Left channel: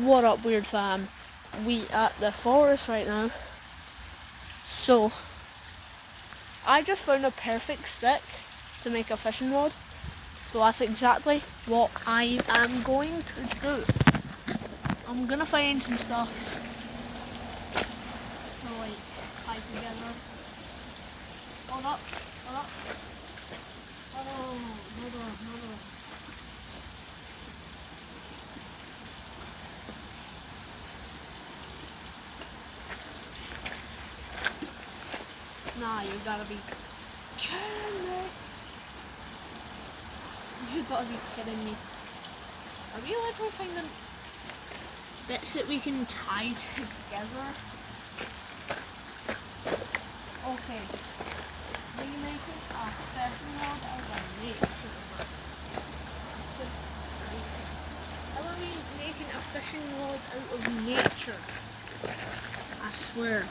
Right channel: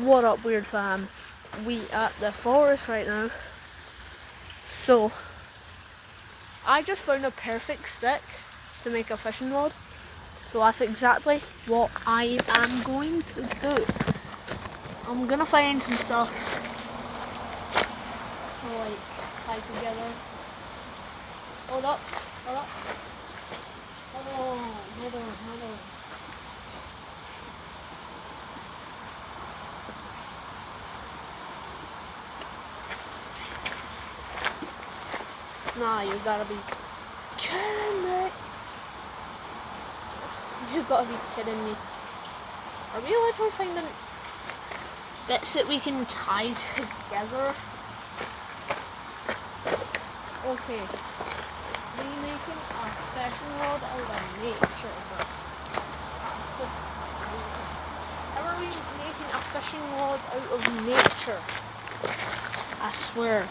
What up, weird fam? We at the forest right now. So, I just found a perfect stick to make a fishing rod. So that's exactly what I am going to do. I'm gonna find some stuff to tie together. Hold up. Hold on. Nah, you gotta be kidding me. You gotta be kidding me. Are we literally finding bits that we can tie together? Okay. We making a fishing rod out of nature. How are we making a fishing rod out of nature? I swear.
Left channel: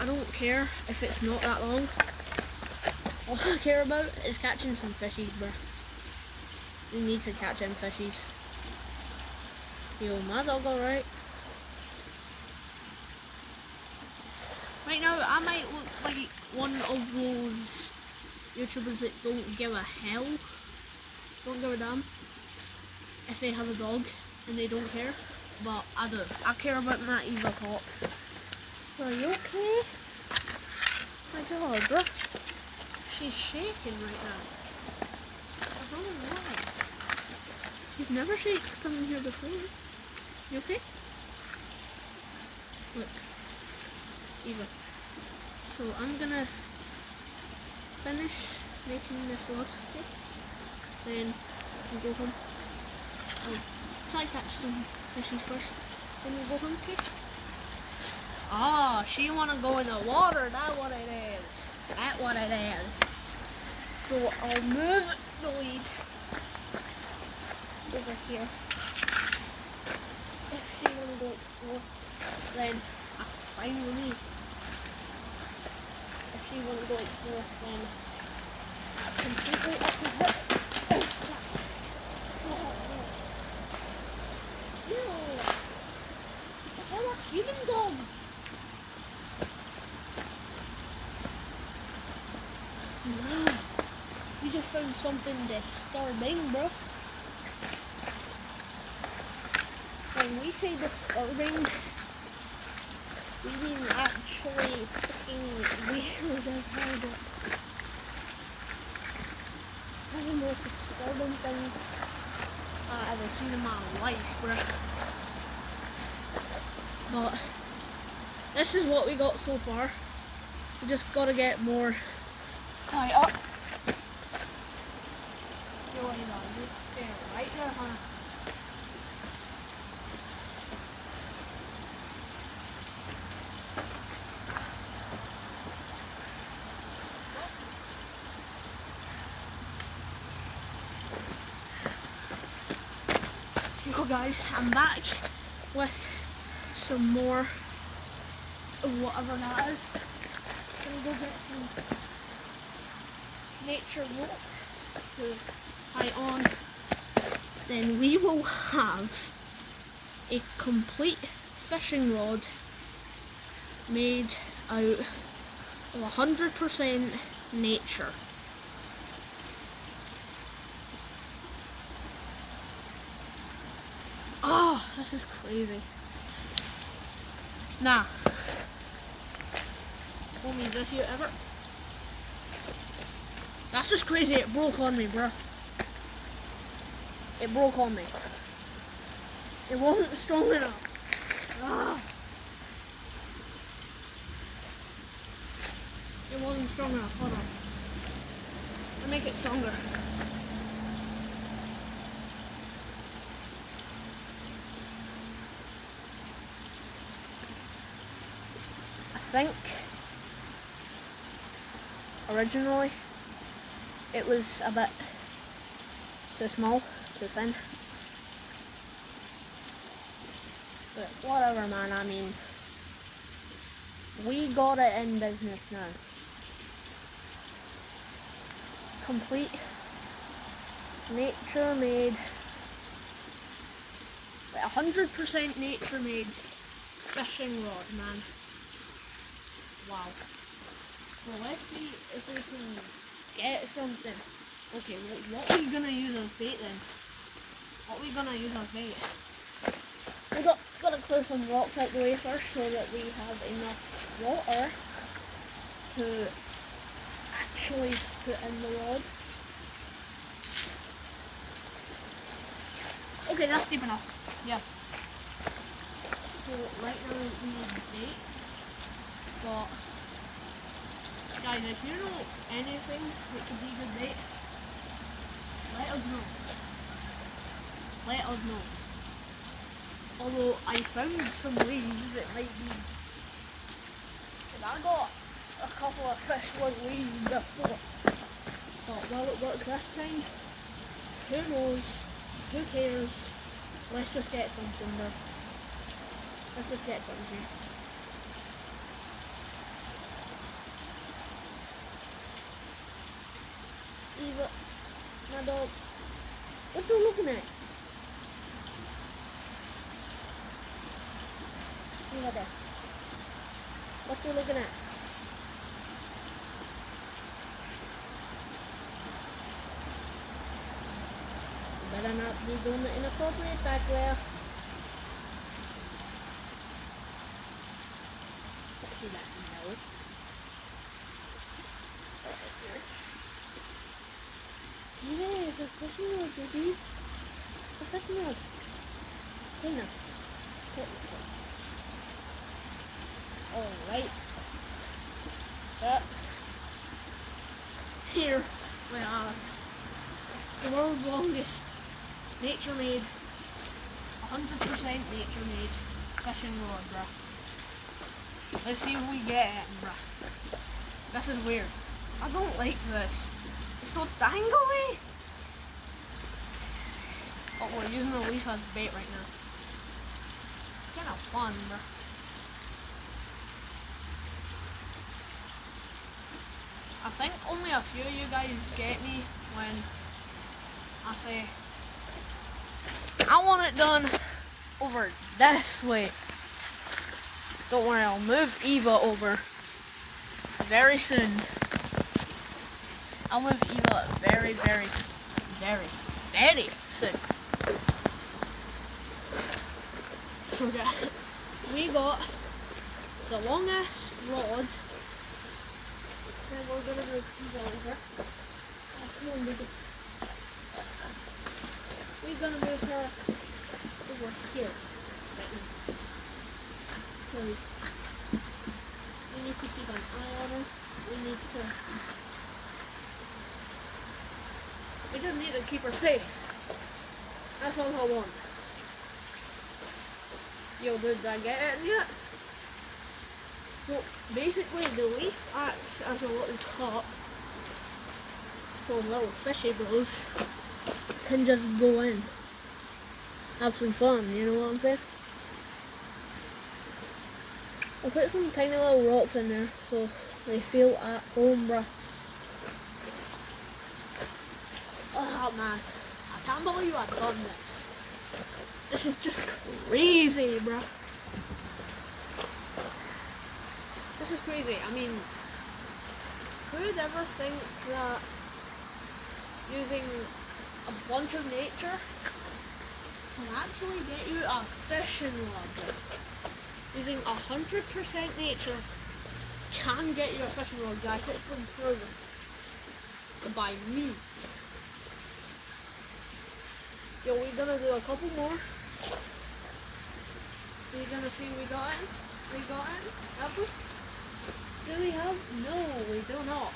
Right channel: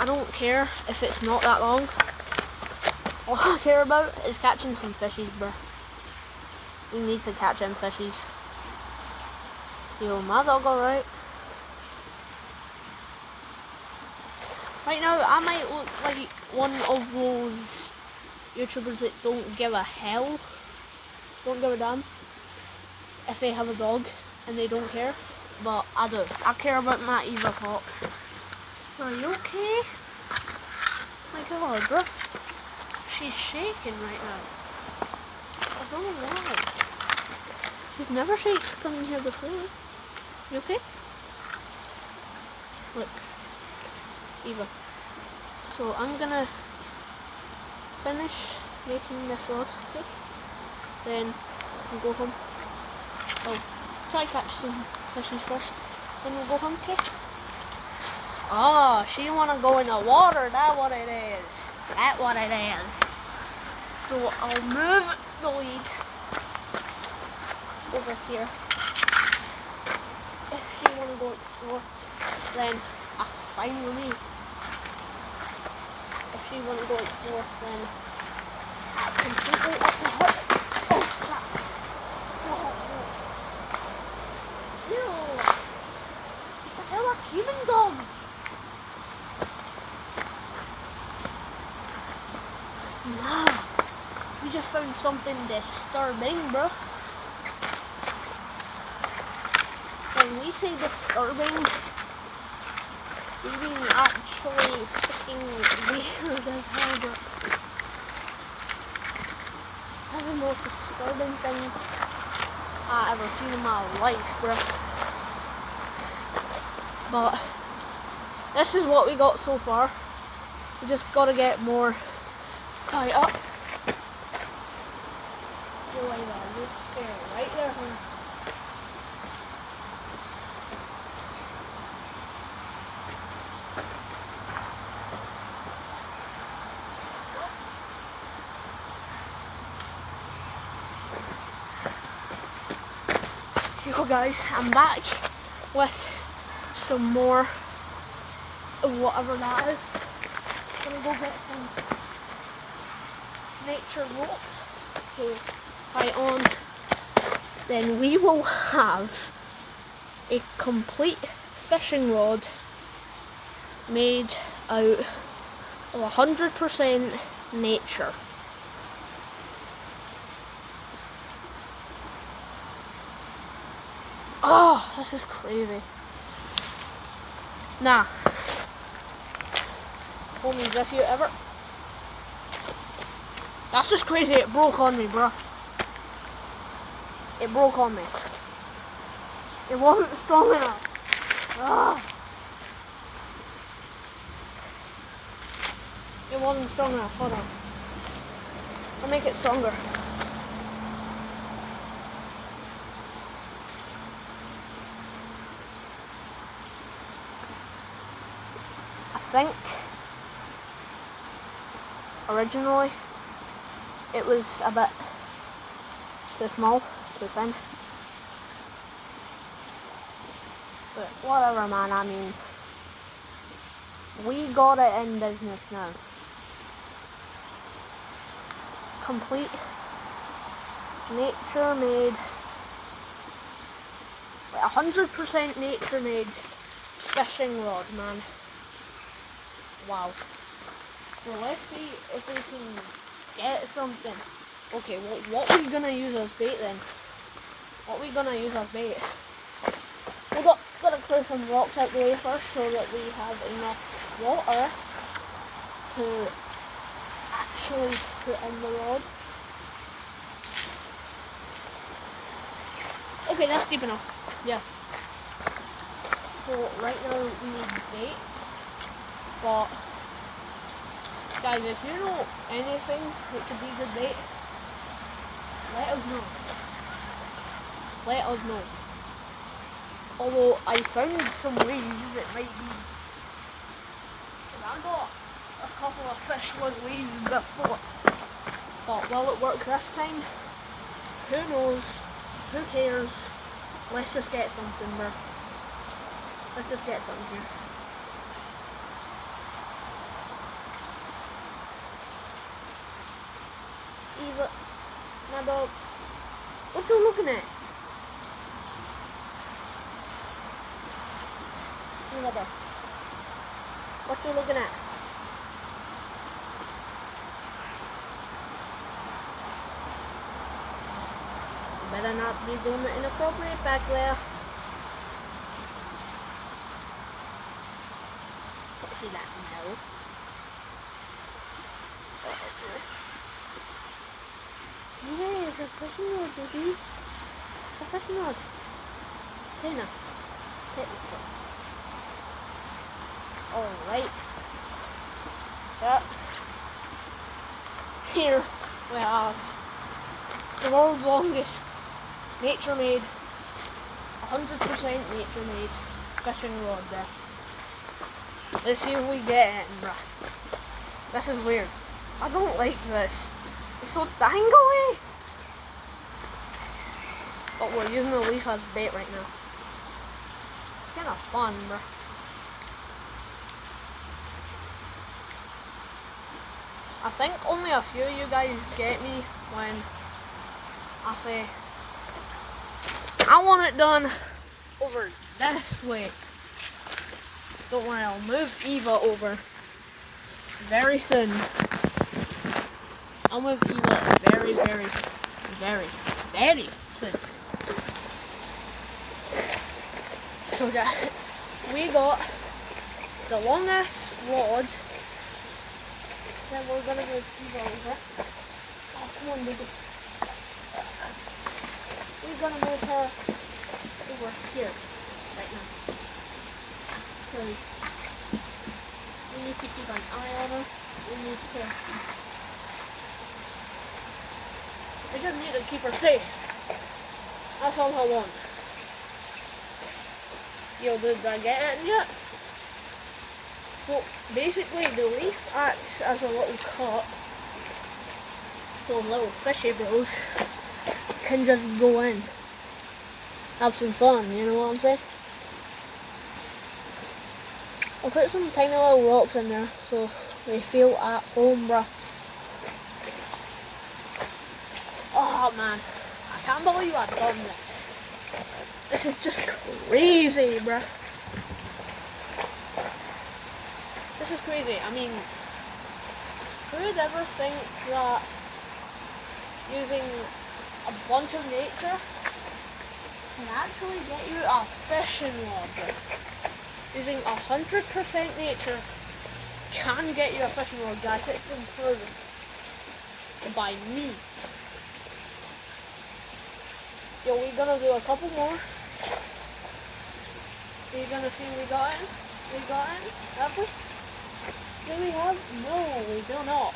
I don't care if it's not that long. All I care about is catching some fishies, bruh. We need to catch them fishies. Yo, my dog alright? Right now, I might look like one of those YouTubers that don't give a hell. Don't give a damn if they have a dog and they don't care. But I do. I care about my Eva Fox. Are you okay? My God, bro. She's shaking right now. I don't know why. He's never shaked coming here before. You okay? Look. Eva. So I'm gonna finish making this rod, okay? Then we'll go home. I'll try catch some fishies first. Then we'll go home, okay? Oh, she wanna go in the water, that's what it is. That's what it is. So I'll move the lead over here. If she wanna go explore, then that's fine with me. If she wanna go explore, then that's completely up to her. Oh crap. Ew. What the hell has human done? Wow. We just found something disturbing, bro. When we say disturbing, we mean actually fucking weird as hell, bro. That's the most disturbing thing I've ever seen in my life, bro. But this is what we got so far. We just gotta get more tied up. You're right there, you stay right there, honey. Yo guys, I'm back with some more of whatever that is. I'm gonna go get some nature rope to tie on. Then we will have a complete fishing rod made out of 100% nature. Oh, this is crazy. Nah. Homies, if you ever... That's just crazy, it broke on me, bro. It broke on me. It wasn't strong enough. Ah. It wasn't strong enough, hold on. I'll make it stronger. I think originally it was a bit too small, too thin. But whatever, man, I mean, we got it in business now. Complete nature made, 100% nature made fishing rod, man. Wow. Well, let's see if we can get something. Okay, what are we gonna use as bait then? What are we gonna use as bait? We gotta clear some rocks out the way first so that we have enough water to actually put in the rod. Okay, that's deep enough. Yeah. So right now we need bait, but guys, if you know anything that could be good bait, let us know. Let us know. Although I found some leaves that might be. I got a couple of fish with leaves before, but will it work this time? Who knows? Who cares? Let's just get something, bro. Let's just get something here. Eva, my dog. What are you looking at? Eva there. What are you looking at? Better not be doing the inappropriate back there. See that now. Yeah, it's a fishing rod, baby. It's a fishing rod. Here now. Technically. Alright. So, here we have the world's longest nature made, 100% nature made fishing rod there. Let's see if we get it, bruh. This is weird. I don't like this. It's so dangly. But we're using the leaf as bait right now. Kind of fun, bruh. I think only a few of you guys get me when I say I want it done over this way. Don't worry, I'll move Eva over very soon. I'll move Eva very, very, very, very soon. So that we got the longest rod. Then we're gonna move Eva over. Oh, come on, baby. We're gonna move her over here right now. Because we need to keep an eye on her. We just need to keep her safe. That's all I want. Yo, did I get it yet? So basically the leaf acts as a little cup, so little fishy bros can just go in. Have some fun, you know what I'm saying? I'll put some tiny little rocks in there so they feel at home, bruh. Oh man, I can't believe I've done this. This is just crazy, bruh. This is crazy. I mean, who would ever think that using a bunch of nature can actually get you a fishing rod? Using 100% nature can get you a fishing rod, guys. It's been proven by me. Yo, we're gonna do a couple more. We're gonna see what we got in. We got in, have we? Do we have? No, we do not.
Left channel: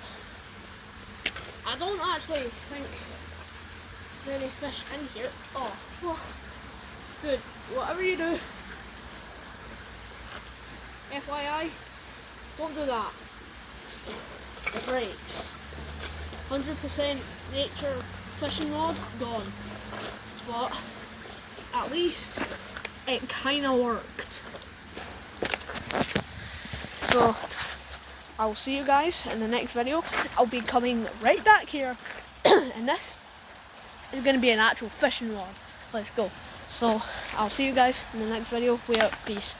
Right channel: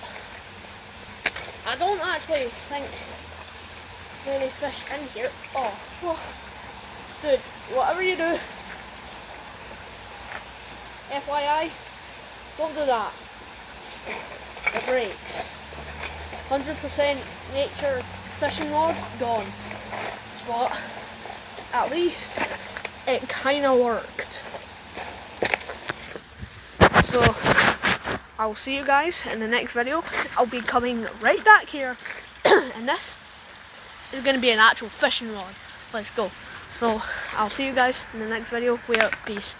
I don't actually think there are any fish in here. Oh, what? Dude, whatever you do, FYI, don't do that. it breaks. 100% nature fishing rod, gone. But at least it kind of worked. So I'll see you guys in the next video. I'll be coming right back here and this is going to be an actual fishing rod. Let's go. So I'll see you guys in the next video. We're out. Peace.